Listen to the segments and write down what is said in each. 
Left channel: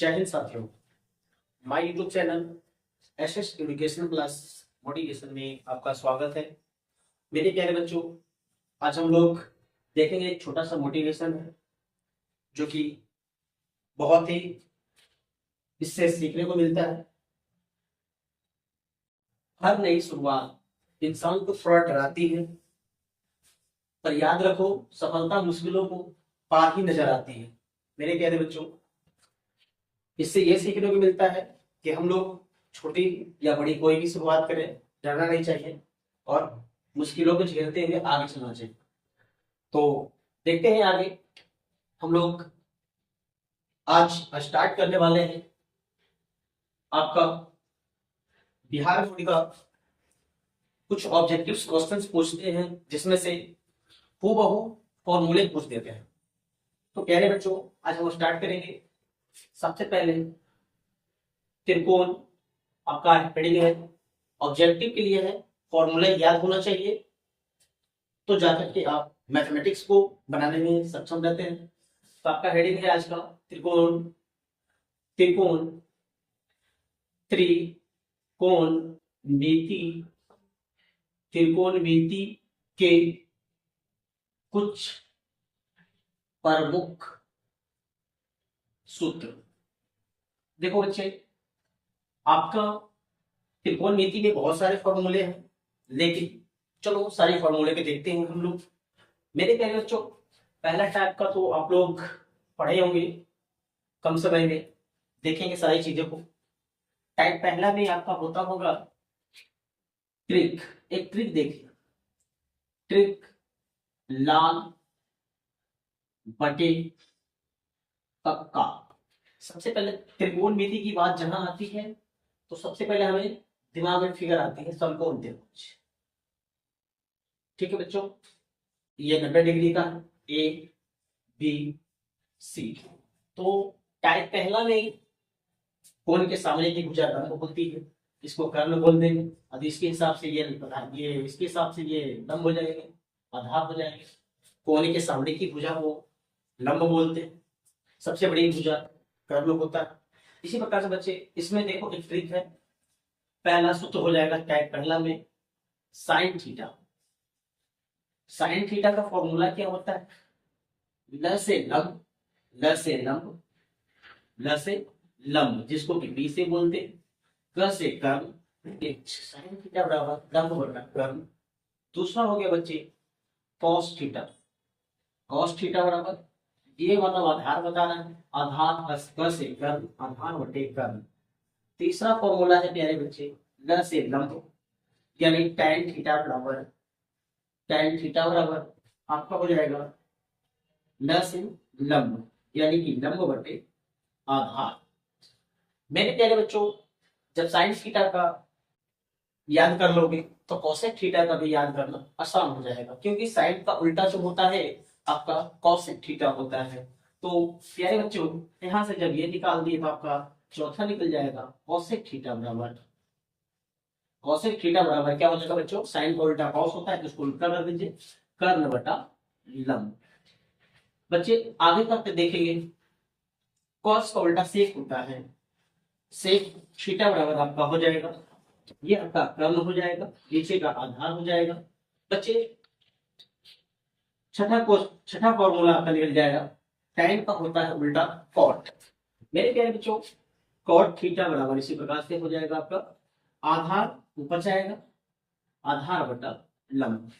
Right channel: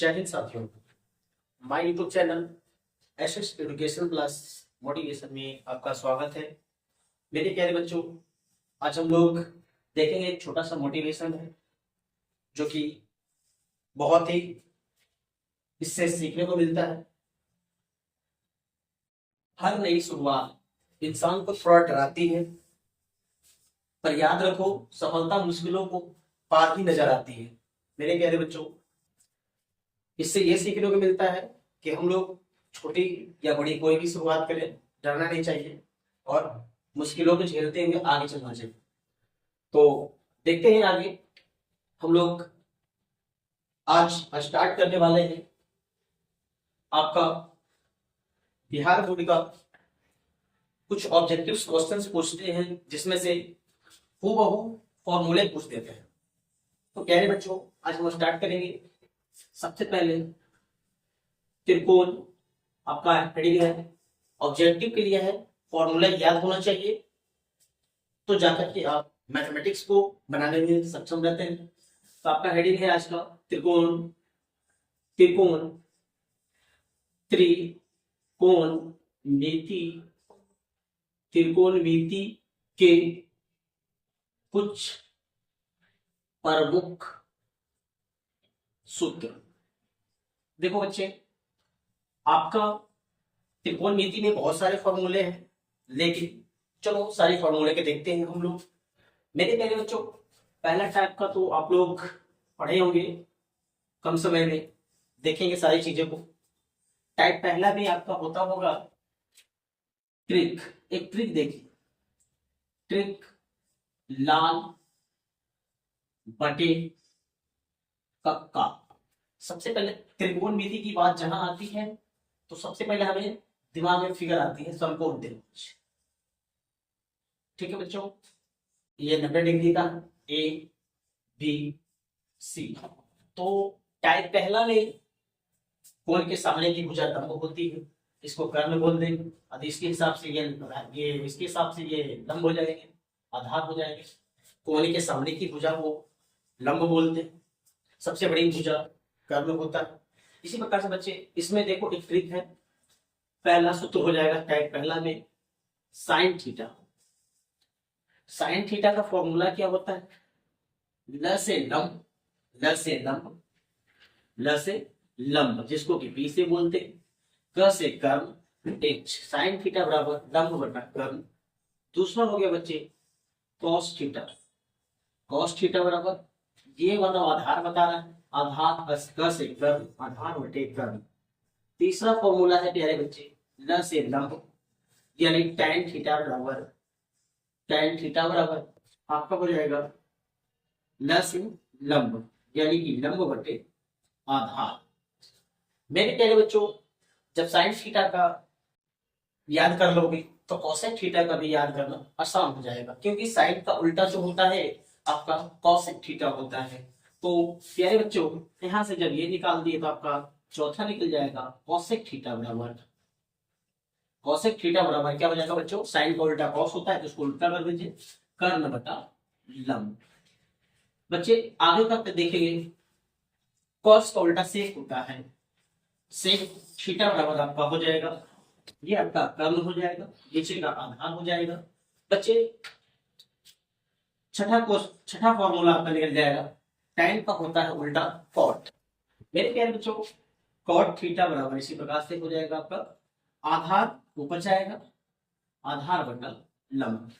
जय हिंद साथियों, my YouTube channel SS education plus motivation में आपका स्वागत है। मेरे प्यारे बच्चों, आज हम लोग देखेंगे एक छोटा सा मोटिवेशन है जो कि बहुत ही इससे सीखने को मिलता है। हर नई शुरुआत इंसान को थोड़ा डराती है, पर याद रखो सफलता मुश्किलों को पार ही नजर आती है। मेरे प्यारे बच्चों, इससे ये सीखने को मिलता है कि हम लोग छोटी या बड़ी कोई भी शुरुआत करें, डरना नहीं चाहिए और मुश्किलों को झेलते हुए आगे चलना चाहिए। तो देखते हैं आगे हम लोग आज स्टार्ट करने वाले हैं आपका बिहार बोर्ड का कुछ ऑब्जेक्टिव क्वेश्चंस पूछते हैं, जिसमें से हूबहू फॉर्मूले पूछ देते हैं। तो प्यारे बच्चों, आज हम स्टार्ट करेंगे। सबसे पहले त्रिकोण आपका हेडिंग है, ऑब्जेक्टिव के लिए है, फॉर्मूला याद होना चाहिए, तो जाकर के आप मैथमेटिक्स को बनाने में सक्षम रहते हैं। तो आपका हेडिंग है आज का त्रिकोण त्रिकोण त्रिकोणमिति त्रिकोणमिति के कुछ प्रमुख सूत्र। देखो बच्चे, आपका त्रिकोणमिति में बहुत सारे फॉर्मूले हैं, लेकिन चलो सारे फॉर्मूले के देखते हैं हम लोग। मेरे प्यारे बच्चों, पहला टाइप का तो आप लोग पढ़े होंगे, कम समय में देखेंगे सारी चीजों को। टाइप पहला में आपका होता होगा ट्रिक। एक ट्रिक देखिए, ट्रिक लाल बटे कक्का। सबसे पहले त्रिकोणमिति की बात जहां आती है तो सबसे पहले हमें दिमाग में फिगर आती है समकोण त्रिभुज। ठीक है बच्चों, ये 90 डिग्री का ए बी सी। तो टाइप पहला में कोण के सामने की भुजा लंब होती है, इसको कर्ण बोल देंगे। अब इसके हिसाब से ये इसके हिसाब से ये लंब हो जाएंगे, आधार हो जाएंगे। कोण के सामने की भुजा को लंब बोलते हैं, सबसे बड़ी भुजा कर्ण होता है। इसी प्रकार से बच्चे इसमें देखो एक ट्रिक है। पहला सूत्र हो जाएगा टाइप पहला में साइन थीटा। साइन थीटा का फॉर्मूला क्या होता है? ल से लंब, ल से लंब, ल से लंब, जिसको कि बी से बोलते हैं, क से कर्ण, एक साइन थीटा बराबर लंब बटा कर्ण। दूसरा हो गया बच्चे कॉस थीटा। कॉस थीटा बराबर ये मतलब आधार बता रहा है, आधार प्लस क से कर्ण, आधार बटे कर्ण। तीसरा फॉर्मूला है प्यारे बच्चे ल से लंब, यानी tan थीटा बराबर आपका हो जाएगा ल से लंब, यानी कि लंब बटे आधार। मेरे प्यारे बच्चों, जब साइन थीटा का याद कर लोगे तो कोसेक थीटा का भी याद करना आसान हो जाएगा, क्योंकि साइन का उल्टा जो होता है आपका कॉसेक थीटा होता है। तो प्यारे बच्चों, यहां से जब ये निकाल दिए तो आपका चौथा निकल जाएगा कॉसेक थीटा बराबर क्या हो जाएगा बच्चों? साइन का उल्टा कॉस होता है, तो उसको उल्टा कर दीजिए, कर्ण बटा लंब। बच्चे आगे तक देखेंगे, कॉस का उल्टा सेक होता है, सेक थीटा बराबर आपका हो जाएगा, ये आपका कर्ण हो जाएगा, नीचे का आधार हो जाएगा। बच्चे छठा फॉर्मूला आपका निकल जाएगा, tan का होता है उल्टा कॉट। मेरे प्यारे बच्चों, कॉट थीटा बराबर इसी प्रकार से हो जाएगा आपका आधार ऊपर जाएगा, आधार बटा लंब।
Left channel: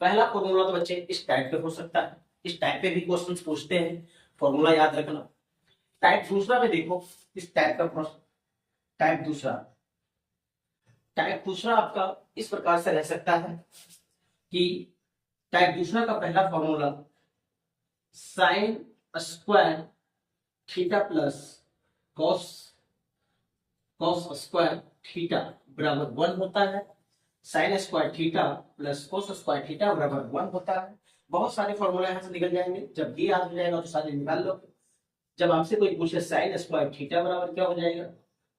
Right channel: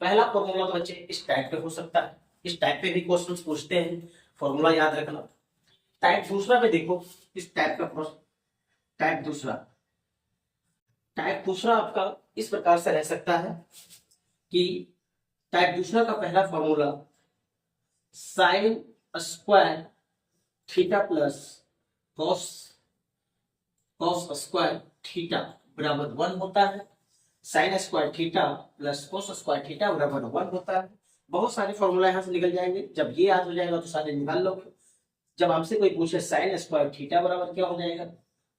पहला फॉर्मूला तो बच्चे इस टाइप पे हो सकता है, इस टाइप पे भी क्वेश्चंस पूछते हैं, फॉर्मूला याद रखना। टाइप दूसरा पे देखो, इस टाइप का टाइप दूसरा आपका इस प्रकार से रह सकता है कि टाइप दूसरा का पहला formula sine square theta plus cos square theta बराबर 1 होता है। Sine square theta plus cos square theta बराबर 1 होता है। बहुत सारे फॉर्मूला यहाँ से निकल जाएंगे, जब ये याद हो जाएगा तो सारे निकाल लोगे। जब आपसे कोई पूछे साइन स्क्वायर थीटा बराबर क्या हो जाएगा,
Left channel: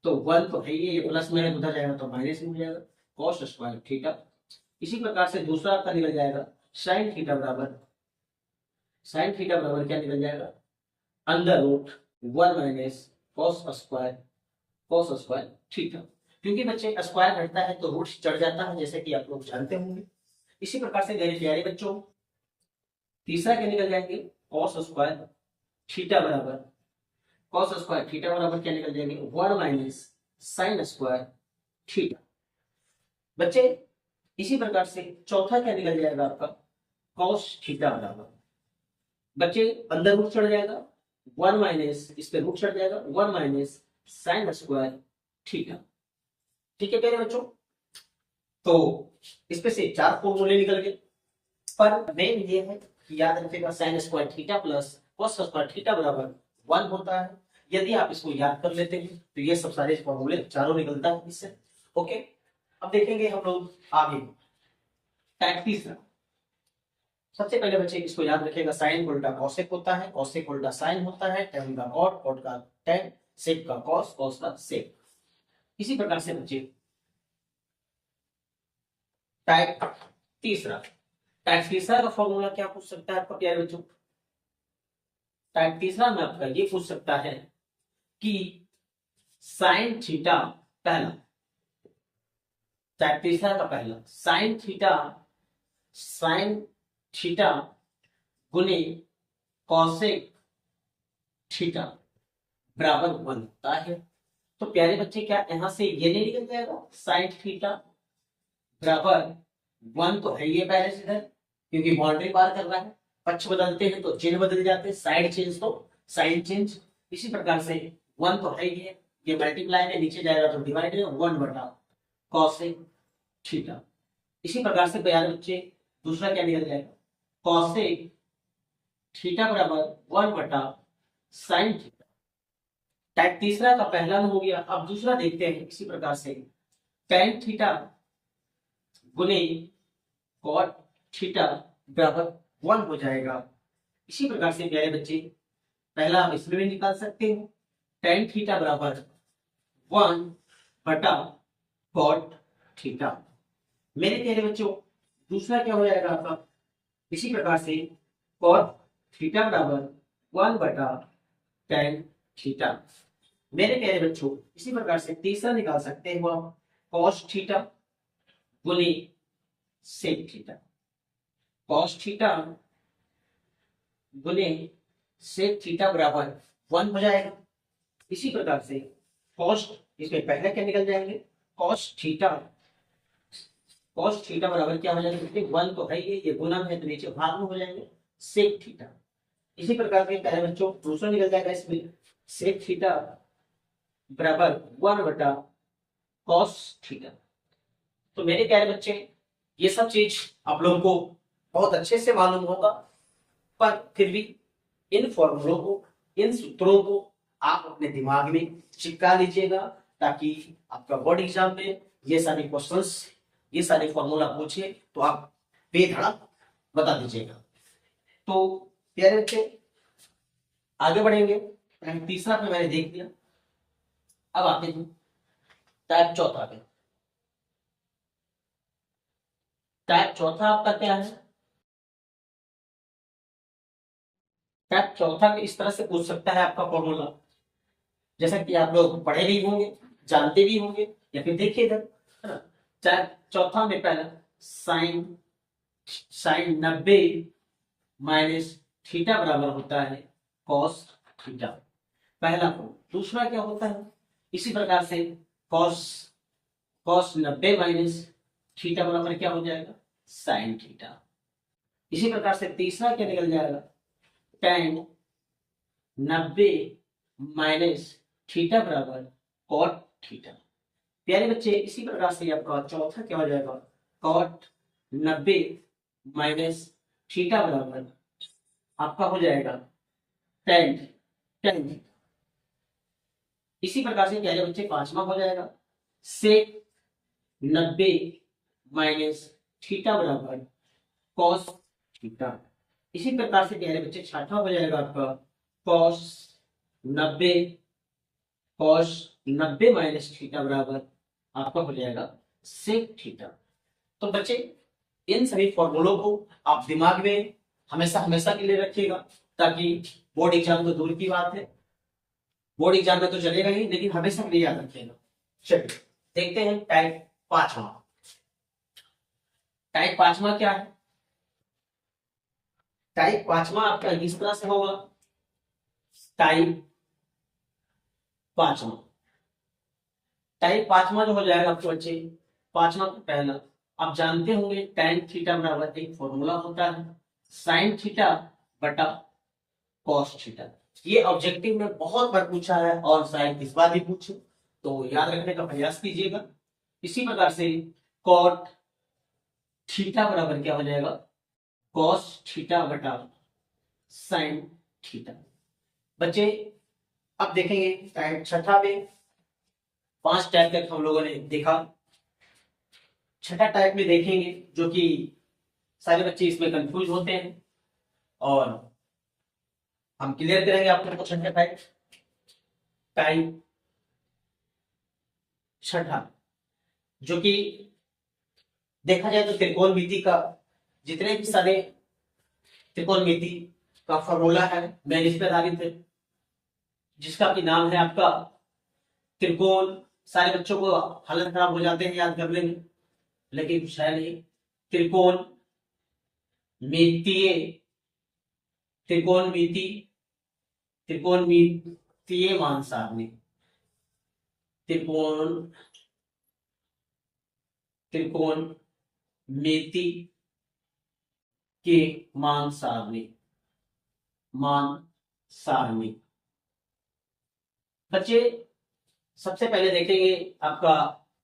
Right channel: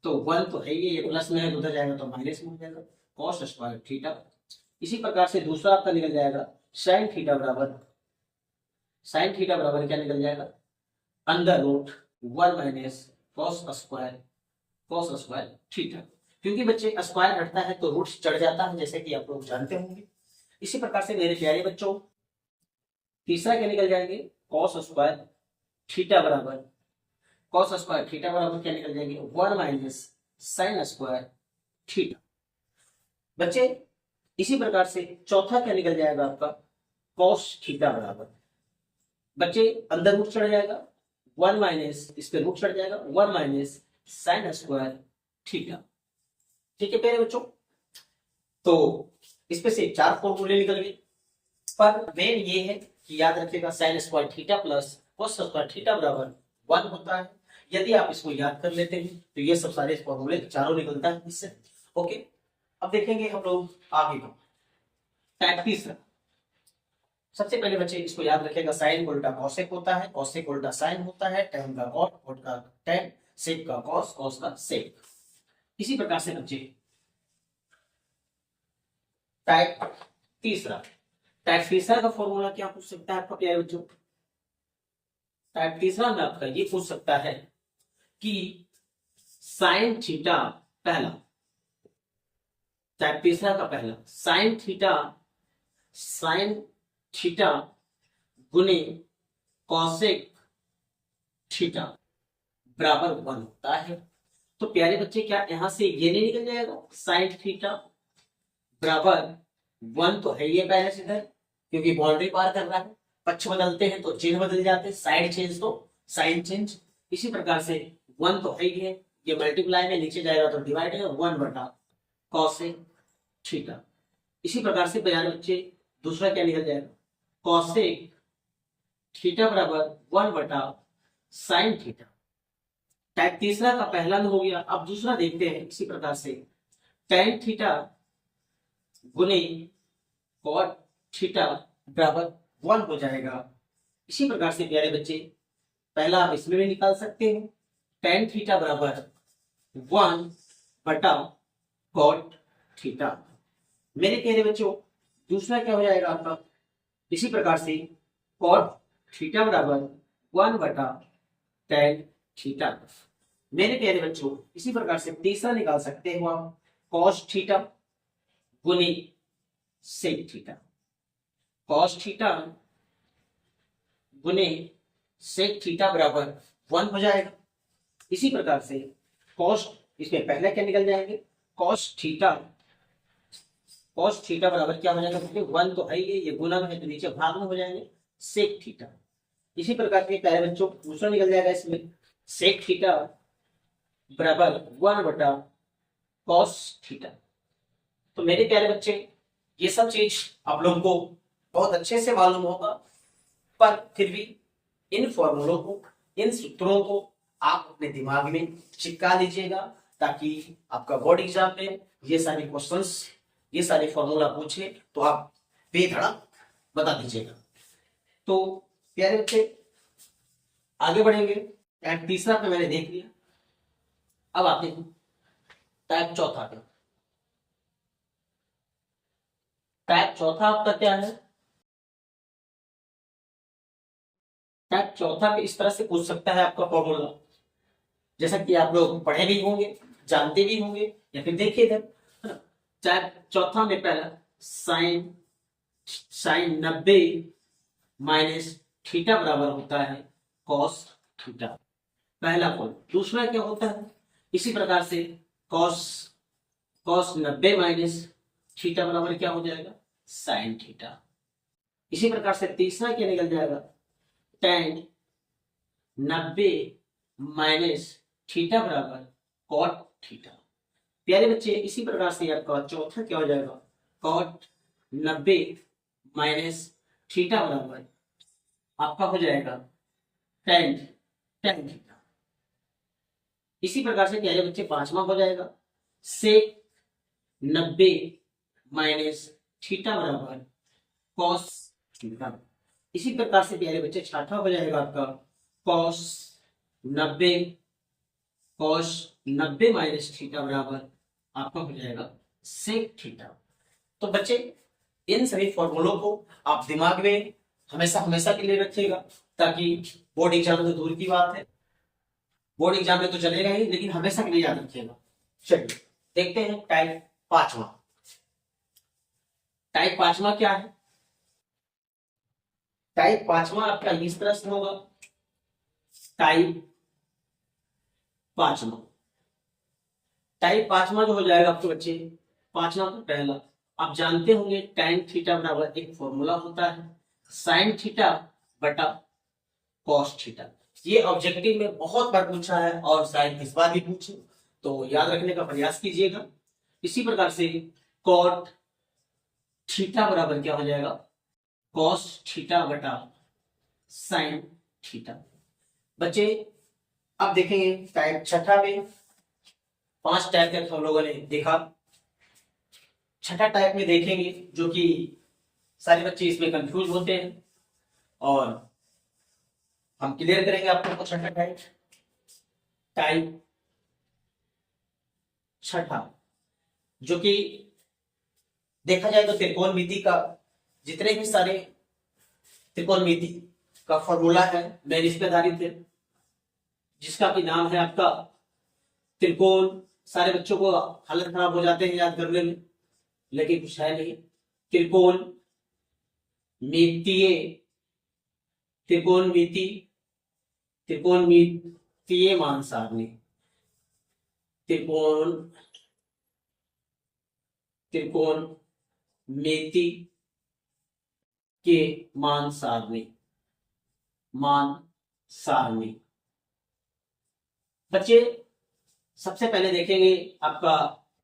तो 1 तो है ये प्लस में है, उधर जाएगा तो माइनस में हो जाएगा, कॉस स्क्वायर थीटा। इसी प्रकार से दूसरा आपका निकल जाएगा साइन थीटा बराबर क्या निकल जाएगा? Under root 1 minus cos square theta. क्योंकि बच्चे स्क्वायर हटता है तो रूट चढ़ जाता है, जैसे कि आप लोग जानते होंगे। इसी प्रकार से मेरे प्यारे बच्चों तीसरा क्या निकल जाएंगे, कॉस स्क्वायर थीटा बराबर क्या निकल जाएंगे, 1 माइनस साइन स्क्वायर थीटा। बच्चे इसी प्रकार से चौथा क्या निकल जाएगा आपका, कॉस थीटा बराबर, बच्चे अंदर रूट चढ़ जाएगा 1 माइनस, इस पे रूट चढ़ जाएगा 1 माइनस साइन स्क्वायर थीटा। ठीक है प्यारे बच्चों, तो इस पे से 4 फॉर्मूले निकल गए, पर मेन ये है कि याद रखिएगा sine square theta plus cos square theta बराबर 1 होता है। यदि आप इसको याद कर लेते हैं तो ये सब सारे फॉर्मूले चारों निकलता है इससे। ओके, अब देखेंगे हम लोग आगे को। टाइप तीसरा, सबसे पहले बच्चे इसको याद रखिएगा, साइन उल्टा कॉसेक होता है, कॉसेक उल्टा साइन होता है, टैन का कॉट, कॉट का टैन, सेक का कॉस, कॉस का सेक। इसी प्रकार से बच्चे टाइप तीसरा का फॉर्मूला क्या पूछ सकता है आपका प्यारे बच्चों, टाइप तीसरा में आपका ये पूछ सकता है कि साइन थीटा पहला, टाइप तीसरा का पहला साइन थीटा गुने कॉसेक थीटा बराबर 1 होता है। तो प्यारे बच्चे क्या यहां से ये नहीं निकल जाएगा, साइन थीटा बराबर 1 तो है ये पहले से इधर, क्योंकि बाउंड्री पार कर रहा है, पक्ष बदलते हैं तो चिन्ह बदल जाते हैं, साइड चेंज तो साइन चेंज। इसी प्रकार से 1 तो है ही है, ये मल्टीप्लाई में नीचे जाएगा तो डिवाइड है 1 बटा कॉसेक थीटा। इसी प्रकार से प्यारे बच्चे दूसरा क्या निकल जाएगा, कॉसेक थीटा बराबर 1 बटा साइन थीटा। टाइप तीसरा का पहला में हो गया। अब दूसरा देखते हैं, इसी प्रकार से टेन थीटा गुने कॉट थीटा बराबर 1 हो जाएगा। इसी प्रकार से प्यारे बच्चे पहला आप इसमें भी निकाल सकते हैं, टेन थीटा बराबर 1 बटा कॉट थीटा। मेरे प्यारे बच्चों दूसरा क्या हो जाएगा आपका, इसी प्रकार से कॉट थीटा बराबर 1 बटा टेन थीटा। मेरे प्यारे बच्चों इसी प्रकार से तीसरा निकाल सकते हो आप, कॉस थीटा गुने सेक थीटा, कॉस थीटा गुने सेक थीटा बराबर 1 हो जाएगा। इसी प्रकार से कॉस, इसमें पहले क्या निकल जाएंगे, कॉस थीटा बराबर क्या हो जाएगा, 1 तो है ये गुना में है तो नीचे भाग में हो जाएंगे सेक थीटा। इसी प्रकार के प्यारे बच्चों दूसरा निकल जाएगा, इसमें सेक थीटा बराबर 1 बटा कॉस थीटा। तो मेरे प्यारे बच्चे ये सब चीज आप लोगों को बहुत अच्छे से मालूम होगा, पर फिर भी इन फॉर्मूलों को, इन सूत्रों को आप अपने दिमाग में चिपका लीजिएगा, ताकि आपका बोर्ड एग्जाम में ये सारे क्वेश्चंस, ये सारे फॉर्मूला पूछे तो आप बेधड़क बता दीजिएगा। तो प्यारे बच्चे आगे बढ़ेंगे। टाइप तीसरा पे मैंने देख लिया, अब आते हैं टाइप चौथा पे। टाइप चौथा आपका क्या है, टाइप चौथा पे इस तरह से पूछ सकता है आपका फॉर्मूला, जैसा कि आप लोग पढ़े भी होंगे, जानते भी होंगे, या फिर देखिए इधर, है ना। टाइप चौथा में पहला साइन 90 माइनस थीटा बराबर होता है कॉस थीटा, पहला पॉइंट। दूसरा क्या होता है, इसी प्रकार से कॉस 90 माइनस थीटा बराबर क्या हो जाएगा, साइन थीटा। इसी प्रकार से तीसरा क्या निकल जाएगा, टेन 90 माइनस थीटा बराबर कॉट थीटा। प्यारे बच्चे इसी प्रकार से आपका चौथा क्या हो जाएगा, कॉट 90 माइनस थीटा बराबर आपका हो जाएगा टेन थीटा। इसी प्रकार से प्यारे बच्चे पांचवा हो जाएगा, सेक 90 माइनस थीटा बराबर कॉस थीटा। इसी प्रकार से प्यारे बच्चे छठा हो जाएगा आपका कॉस 90 माइनस थीटा बराबर आपका हो जाएगा सेक थीटा। तो बच्चे इन सभी फॉर्मूलों को आप दिमाग में हमेशा के लिए रखिएगा, ताकि बोर्ड एग्जाम तो दूर की बात है, बोर्ड एग्जाम में तो चलेगा ही, लेकिन हमेशा के लिए याद रखिएगा। चलिए देखते हैं टाइप 5वां। टाइप 5वां क्या है? टाइप 5वां आपका इस तरह से होगा। टाइप 5वां, टाइप 5वां जो हो जाएगा आपके बच्चे, 5वां का पहला, आप जानते होंगे tan थीटा बराबर एक फॉर्मूला होता है sin थीटा बटा cos थीटा। ये ऑब्जेक्टिव में बहुत बार पूछा है और शायद इस बार भी पूछे, तो याद रखने का प्रयास कीजिएगा। इसी प्रकार से cot थीटा बराबर क्या हो जाएगा? cos थीटा बटा sin थीटा। बच्चे अब देखेंगे टाइप 6 में 5 टाइप तक हम लोगों ने देखा। 6 टाइप में देखेंगे, जो कि सारे बच्चे इसमें कंफ्यूज होते हैं और हम क्लियर करेंगे आपको 6 टाइप। टाइप 6 जो कि देखा जाए तो त्रिकोणमिति का, जितने भी सारे त्रिकोणमिति का फॉर्मूला है मैं इस पर आधारित है, जिसका भी नाम है आपका त्रिकोण। सारे बच्चों को हालत खराब हो जाते हैं याद करने में, लेकिन कुछ है नहीं। त्रिकोण मितीय, त्रिकोणमिति, त्रिकोणमितीय मान सारणी, त्रिकोणमिति के मान सारणी, मान सारणी। बच्चे सबसे पहले देखेंगे आपका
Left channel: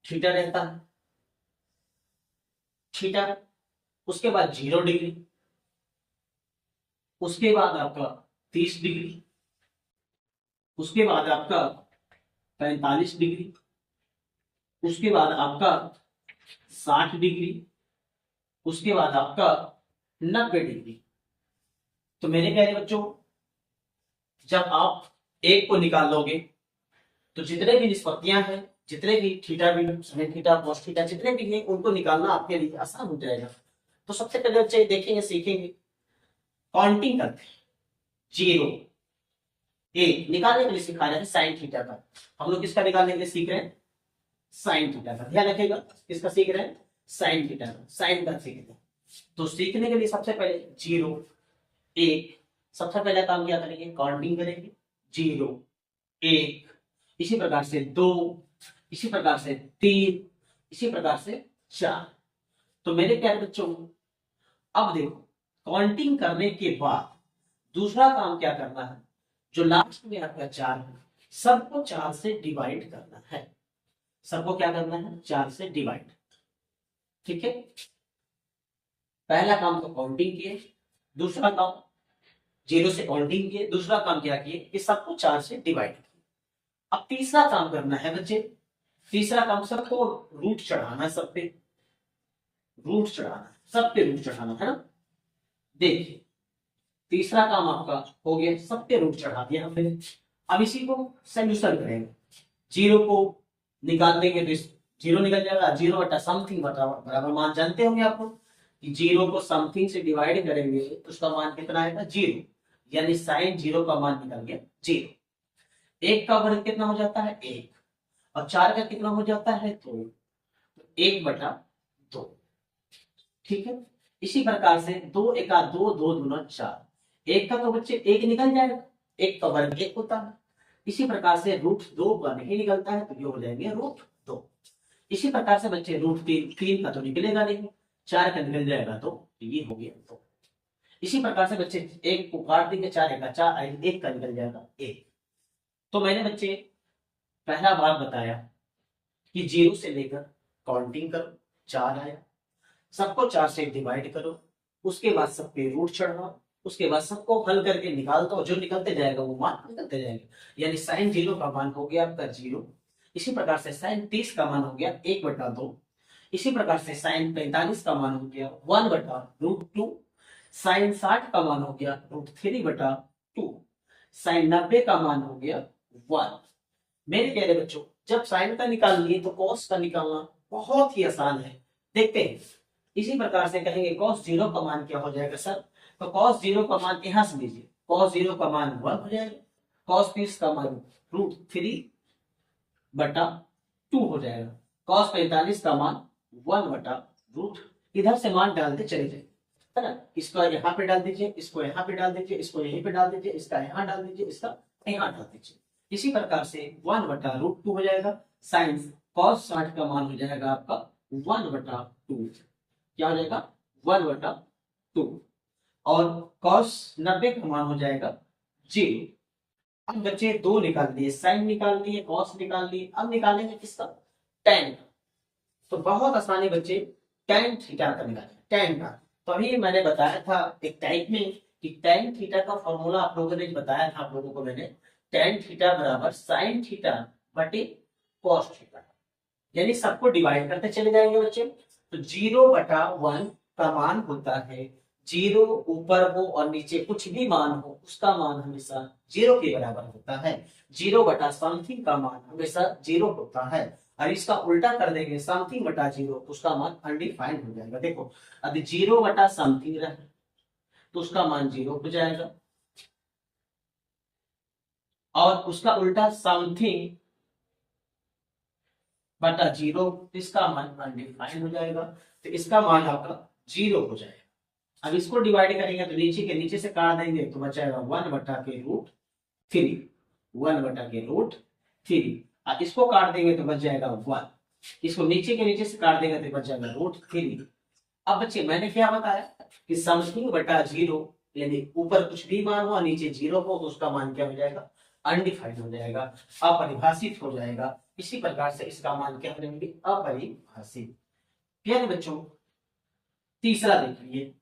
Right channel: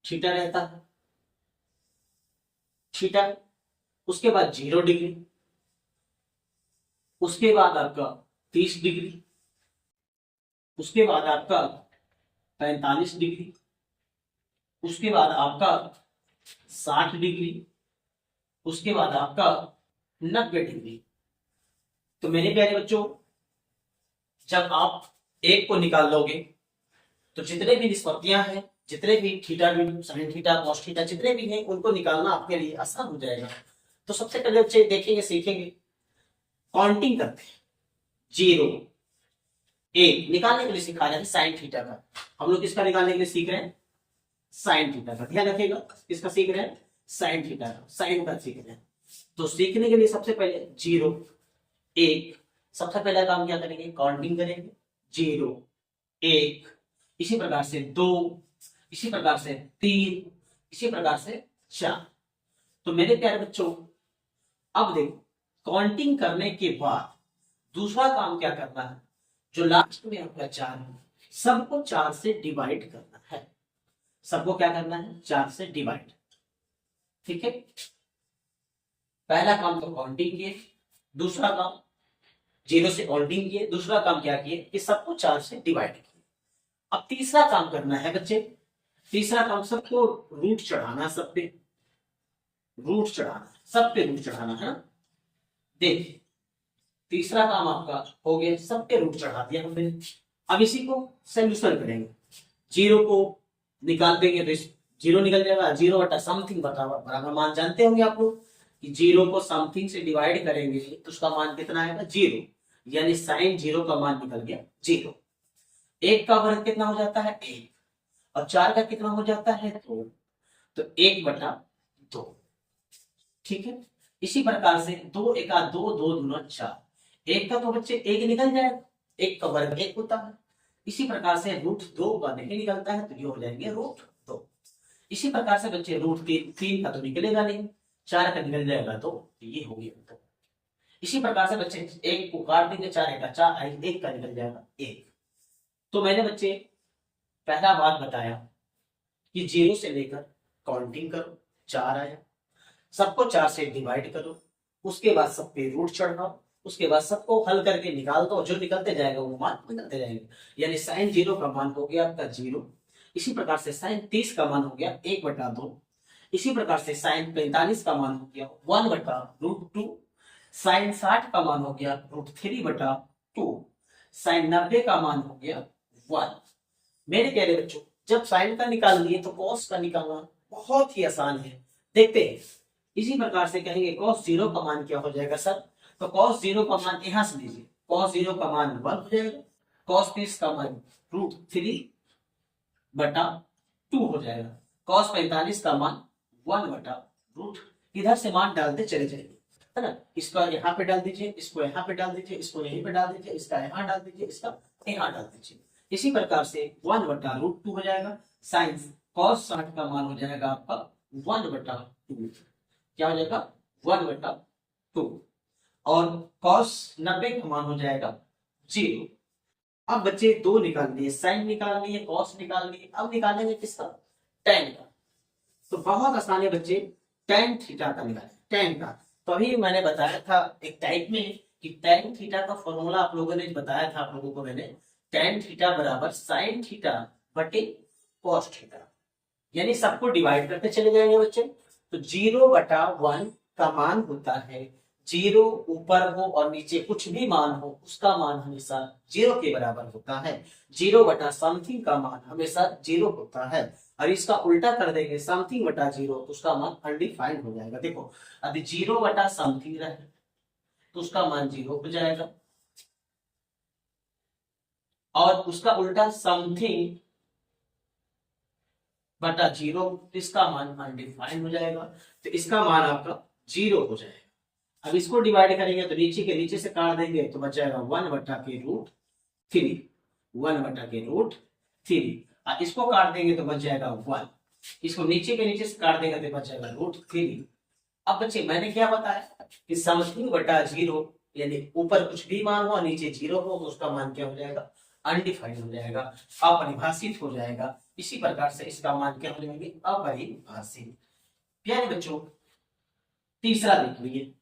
थीटा रहता है, थीटा, उसके बाद 0 डिग्री, उसके बाद आपका 30 डिग्री, उसके बाद आपका 45 डिग्री, उसके बाद आपका 60 डिग्री, उसके बाद आपका 90 डिग्री। तो मेरे प्यारे बच्चों, जब आप एक को निकाल लोगे तो जितने भी निष्पत्तियां हैं, जितने भी थीटा भी, साइन थीटा, कॉस थीटा, जितने भी हैं, उनको निकालना आपके लिए आसान हो जाएगा। तो सबसे पहले बच्चे देखेंगे, सीखेंगे काउंटिंग करते हैं। 0 1 निकालने के लिए सिखाया है साइन थीटा का। हम लोग किसका निकालने के लिए सीख रहे हैं? साइन थीटा का। ध्यान रखिएगा, किसका सीख रहे हैं? साइन थीटा का, साइन का सीख रहे हैं। तो सीखने के लिए सबसे पहले 0 1, सबसे पहला काम क्या करेंगे? काउंटिंग करेंगे। 0 1, इसी प्रकार से 2, इसी प्रकार से 3, इसी प्रकार से 4। तो मेरे प्यारे बच्चों, अब देखो काउंटिंग करने के बाद दूसरा काम क्या करना है? जो लास्ट में आपका 4 है, सबको 4 से डिवाइड करना है। सबको क्या करना है? 4 से डिवाइड। ठीक है, पहला काम तो काउंटिंग किए, दूसरा काम 0 से काउंटिंग किए, दूसरा काम क्या किए कि सबको 4 से डिवाइड किए। अब तीसरा काम करना है बच्चे, तीसरा काम सबको रूट चढ़ाना, सब पे रूट चढ़ाना, सब पे रूट चढ़ाना है ना। देखिए तीसरा काम आपका हो गया, सब पे रूट चढ़ा दिया हमने। अब इसी को सोल्यूशन करेंगे। 0 को निकाल देंगे तो 0 निकल जाएगा। 0 बटा समथिंग बराबर मान जानते होंगे आप लोग कि 0 को समथिंग से डिवाइड करेंगे तो उसका मान कितना आएगा? 0, यानी साइन 0 का मान निकल गया 0। 1 का वर्ग कितना हो जाता है? 1, और 4 का कितना हो जाता है? 2, तो 1 बटा 2। ठीक है, इसी प्रकार से 2 एका 2, 2 दूना 4, 1 का तो बच्चे 1 निकल जाएगा, 1 का वर्ग 1 होता है। इसी प्रकार से रूट 2 का नहीं निकलता है, तो ये हो जाएंगे रूट 2। इसी प्रकार से बच्चे रूट 3 का तो निकलेगा नहीं, 4 का निकल जाएगा, तो ये हो गया 2। इसी प्रकार से बच्चे 1 को काट देंगे, 4 एका 4, 1 का निकल जाएगा 1। तो मैंने बच्चे पहला बात बताया कि 0 से लेकर काउंटिंग करो, 4 आया, सबको 4 से डिवाइड करो, उसके बाद सब पे रूट चढ़ाओ, उसके बाद सबको हल करके निकाल दो, जो निकलते जाएगा वो मान निकलते जाएंगे। यानी साइन 0 का मान हो गया आपका 0। इसी प्रकार से साइन 30 का मान हो गया 1 बटा 2। इसी प्रकार से साइन 45 का मान हो गया 1 बटा रूट 2। साइन 60 का मान हो गया रूट 3 बटा 2। साइन 90 का मान हो गया 1। मेरे प्यारे बच्चों, जब साइन का निकाल लिए तो कॉस का निकालना बहुत ही आसान है। देखते हैं, इसी प्रकार से कहेंगे कॉस 0 का मान क्या हो जाएगा सर? तो कॉस 0 का मान यहां से लीजिए, कॉस 0 का मान 1 हो जाएगा, कॉस 30 का मान √3/2 हो जाएगा। cos 45 का मान 1/√, इधर से मान डालते चले जाएंगे, है ना। इसको यहाँ पे डाल दीजिए, इसको यहाँ पे डाल दीजिए, इसको यहीं पे डाल दीजिए, इसका यहाँ डाल दीजिए, इसका यहाँ डाल दीजिए। इसी प्रकार से 1/√2 हो जाएगा। साइन cos 60 का मान हो जाएगा आपका 1/2, क्या हो जाएगा 1/2, और cos 90 का मान हो जाएगा 0। अब बच्चे दो निकाल लिए, साइन निकालनी है, cos निकालनी है। अब निकालेंगे किसका, tan का। तो बहुत आसान है बच्चे, tan थीटा का निकालें, tan का। तो अभी मैंने बताया था एक टाइप में कि tan थीटा का फॉर्मूला आप लोगों ने बताया था, आप लोगों को मैंने, tan थीटा बराबर sin थीटा बटे cos थीटा, यानी सबको डिवाइड करते चले जाएंगे बच्चे। तो 0/1 का मान होता है, 0 ऊपर हो और नीचे कुछ भी मान हो उसका मान हमेशा 0 के बराबर होता है। 0/समथिंग का मान हमेशा 0 होता है, और इसका उल्टा कर देंगे समथिंग/0, उसका मान अनडिफाइंड हो जाएगा। देखो अभी 0/समथिंग रहे तो उसका मान 0 हो जाएगा, और उसका उल्टा समथिंग/0, इसका मान अनडिफाइंड हो जाएगा। तो इसका मान आपका 0 हो जाएगा। अब इसको डिवाइड करेंगे तो नीचे के नीचे से काट देंगे तो बचाएगा 1/√3, 1/√3। और इसको काट देंगे तो बच जाएगा 1, इसको नीचे के नीचे से काट देंगे तो बच जाएगा √3। अब बच्चे मैंने क्या बताया कि समथिंग/0, यानी ऊपर कुछ भी मान हो और नीचे 0 हो तो उसका मान क्या हो जाएगा, अनडिफाइंड हो जाएगा, अपरिभाषित हो जाएगा। इसी प्रकार से इसका मान क्या हो जाएंगे, अपरिभाषित। प्यारे बच्चों तीसरा देख लीजिए।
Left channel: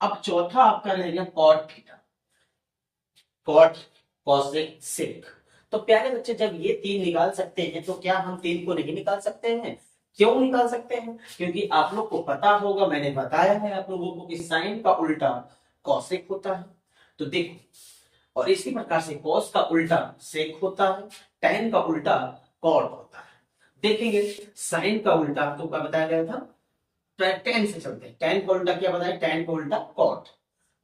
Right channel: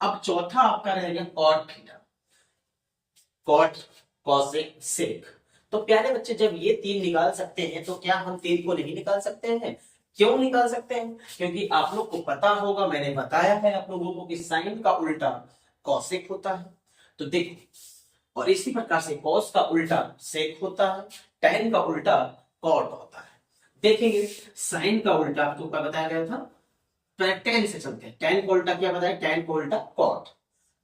अब चौथा आपका रहेगा cot theta, cot, cosec, sec। तो प्यारे बच्चे जब ये तीन निकाल सकते हैं तो क्या हम तीन को नहीं निकाल सकते हैं? क्यों निकाल सकते हैं? क्योंकि आप लोग को पता होगा, मैंने बताया है आप लोगों को कि साइन का उल्टा cosec होता है। तो देखो, और इसी प्रकार से cos का उल्टा sec होता है, tan का उल्टा cot होता है। देखेंगे साइन का उल्टा आपको क्या बताया गया था, tan से चलते हैं। tan का उल्टा क्या बताया, tan का उल्टा cot।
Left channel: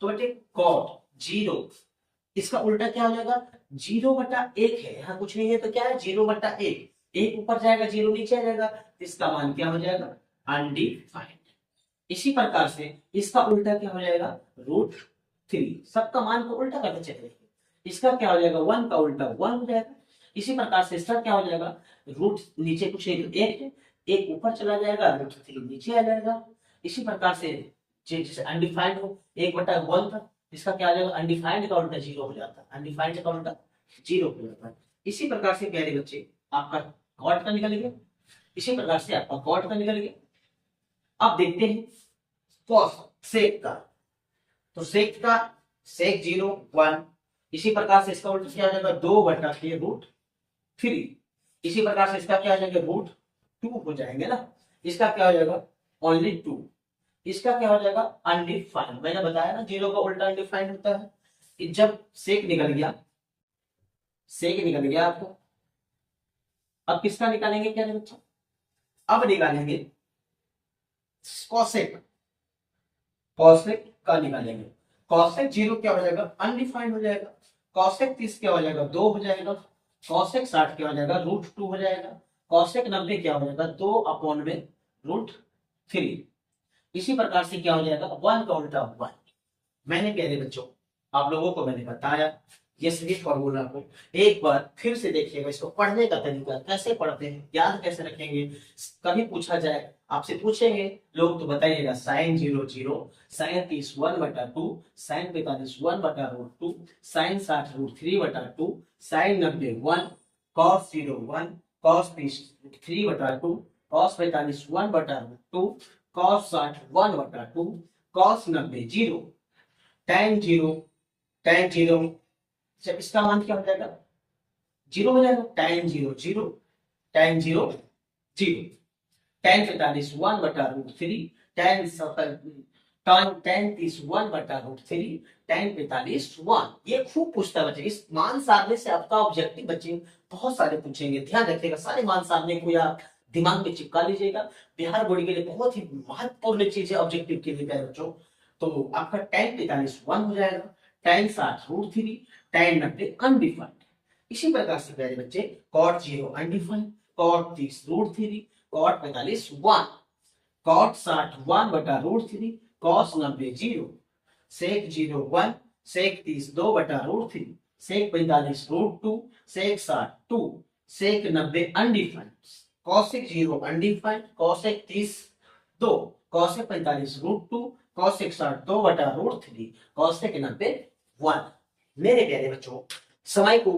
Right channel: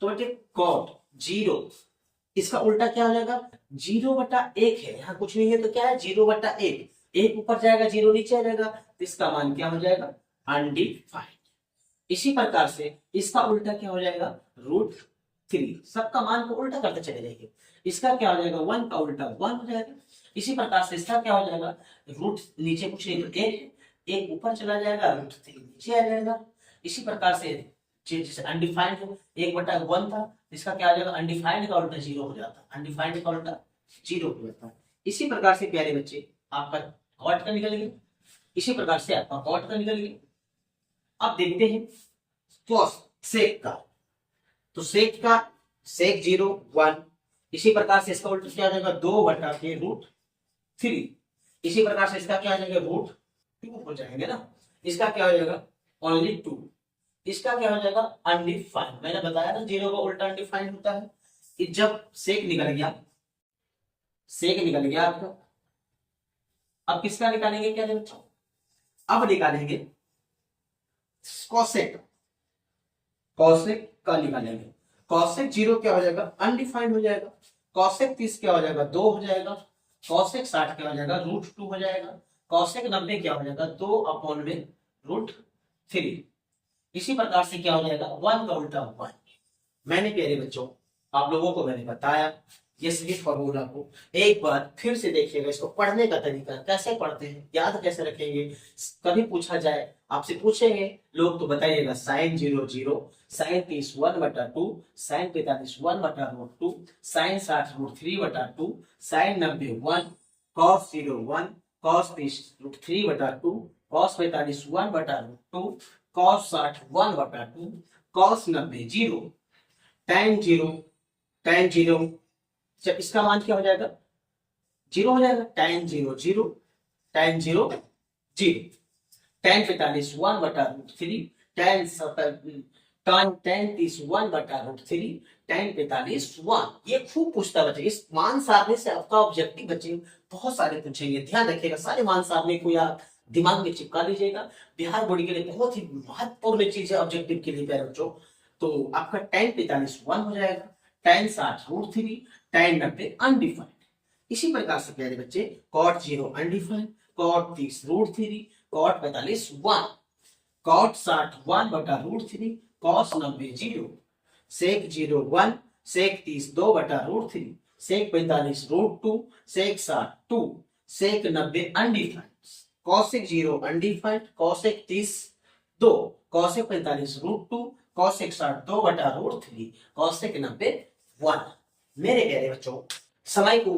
तो बेटे cot 0, इसका उल्टा क्या हो जाएगा, 0/1 है, यहाँ कुछ नहीं है तो क्या है 0/1, 1 ऊपर जाएगा 0 नीचे आ जाएगा, तो इसका मान क्या हो जाएगा, अनडिफाइंड। इसी प्रकार से इसका उल्टा क्या हो जाएगा, √3। सबका मान को उल्टा करते चले जाएंगे। इसका क्या हो जाएगा, 1 का उल्टा 1 हो जाएगा। इसी प्रकार से इसका क्या हो जाएगा, रूट नीचे कुछ नहीं तो 1 है, 1 ऊपर चला जाएगा, √3 नीचे आ जाएगा। इसी प्रकार से जैसे अनडिफाइंड हो, 1/1 था, इसका क्या आ जाएगा, अनडिफाइंड का उल्टा 0 हो जाता है, अनडिफाइंड का उल्टा 0 हो जाता है। इसी प्रकार से प्यारे बच्चे आपका cot का निकल गया, इसी प्रकार से आपका cot का निकल गया। अब देखते हैं cos sec का। तो sec का sec 0 1, इसी प्रकार से इसका उल्टा क्या हो जाएगा, 2/√3। इसी प्रकार से इसका क्या हो जाएगा, √2 हो जाएंगे ना। इसका क्या हो जाएगा, ओनली 2। इसका क्या हो जाएगा, अनडिफाइंड। मैंने बताया ना 0 का उल्टा अनडिफाइंड होता है। कि जब सेक निकल गया, सेक निकल गया आपका, अब किसका निकालेंगे, क्या बच्चों, अब निकालेंगे कॉसेक, कॉसेक का निकालेंगे। कॉसेक 0 क्या हो जाएगा, अनडिफाइंड हो जाएगा। कॉसेक 30 क्या हो जाएगा, 2 हो जाएगा। कॉसेक 60 क्या हो जाएगा, √2 हो जाएगा। कॉसेक 90 क्या हो जाएगा, 2/√3। इसी प्रकार से क्या हो जाएगा, 1 का उल्टा 1। मैंने प्यारे बच्चों आप लोगों को मैंने बताया ये सभी फॉर्मूला को एक बार फिर से देखिएगा। इसको पढ़ने का तरीका कैसे पढ़ते हैं, याद कैसे रखेंगे, कभी पूछा जाए आपसे पूछेंगे लोग तो बताइएगा sin 0 0, sin 30 1/2, sin 45 1/√2, sin 60 √3/2, sin 90 1, cos 0 1, cos 30 √3/2, cos 45 1/√2, cos 60 1/2, cos 90 0, tan 0, tan 0, जब इसका मान क्या हो जाएगा, 0 हो जाएगा। tan 0 0, tan 0 0, tan 45 1/√3, tan 30 1/√3, tan 45 1। ये खूब पूछता बच्चे, इस मान सारणी से आपका ऑब्जेक्टिव बच्चे बहुत सारे पूछेंगे, ध्यान रखिएगा। सारे मान सारणी को या दिमाग में चिपका लीजिएगा। बिहार बोर्ड के लिए बहुत ही महत्वपूर्ण चीज है ऑब्जेक्टिव के लिए प्यारे बच्चों। तो आपका tan 45 1 हो जाएगा, tan 60 √3, tan 90 अनडिफाइंड। इसी प्रकार से प्यारे बच्चे cot 0 undefined, cot 30 √3, cot 45 1, cot 60 1 बटा √3, cos 90 0, sec 0 1, sec 30 2 बटा √3, sec 45 √2, sec 60 2, sec 90 undefined, cosec 0 undefined, cosec 30 2, cosec 45 √2, cosec 60 2 बटा √3, cosec 90 1। मेरे प्यारे बच्चों, समय को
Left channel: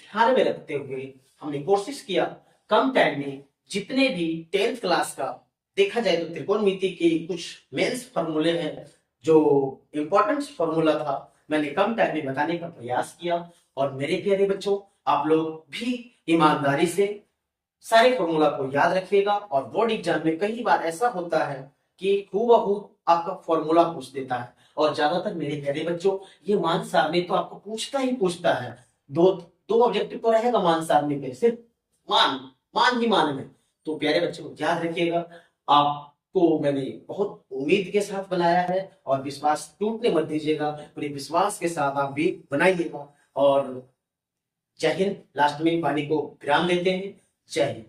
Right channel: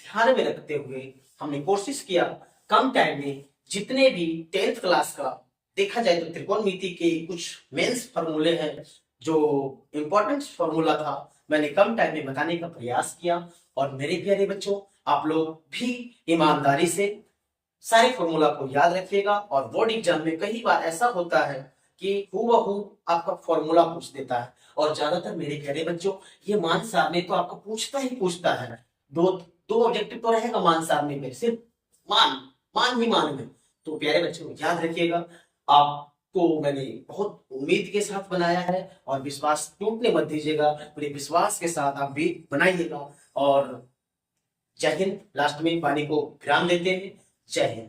ध्यान में रखते हुए हमने कोशिश किया कम टाइम में जितने भी 10th क्लास का देखा जाए तो त्रिकोणमिति के कुछ मेंस फॉर्मूले हैं, जो इंपॉर्टेंट फॉर्मूला था, मैंने कम टाइम में बताने का प्रयास किया। और मेरे प्यारे बच्चों, आप लोग भी ईमानदारी से सारे फॉर्मूला को याद रखिएगा। और बोर्ड एग्जाम में कई बार ऐसा होता है कि हूबहू आपका फॉर्मूला पूछ देता है, और ज्यादातर मेरे प्यारे बच्चों ये मान सारणी तो आपको पूछता ही पूछता है। दो ऑब्जेक्टिव तो रहेगा मान सारणी पे, सिर्फ मान ही मान में। तो प्यारे बच्चों याद रखिएगा, आपको मैंने बहुत उम्मीद के साथ बनाया है, और विश्वास टूटने मत दीजिएगा, पूरे विश्वास के साथ आप भी बनाइएगा। और जय हिंद। लास्ट में पानी को विराम देते हैं। जय हिंद।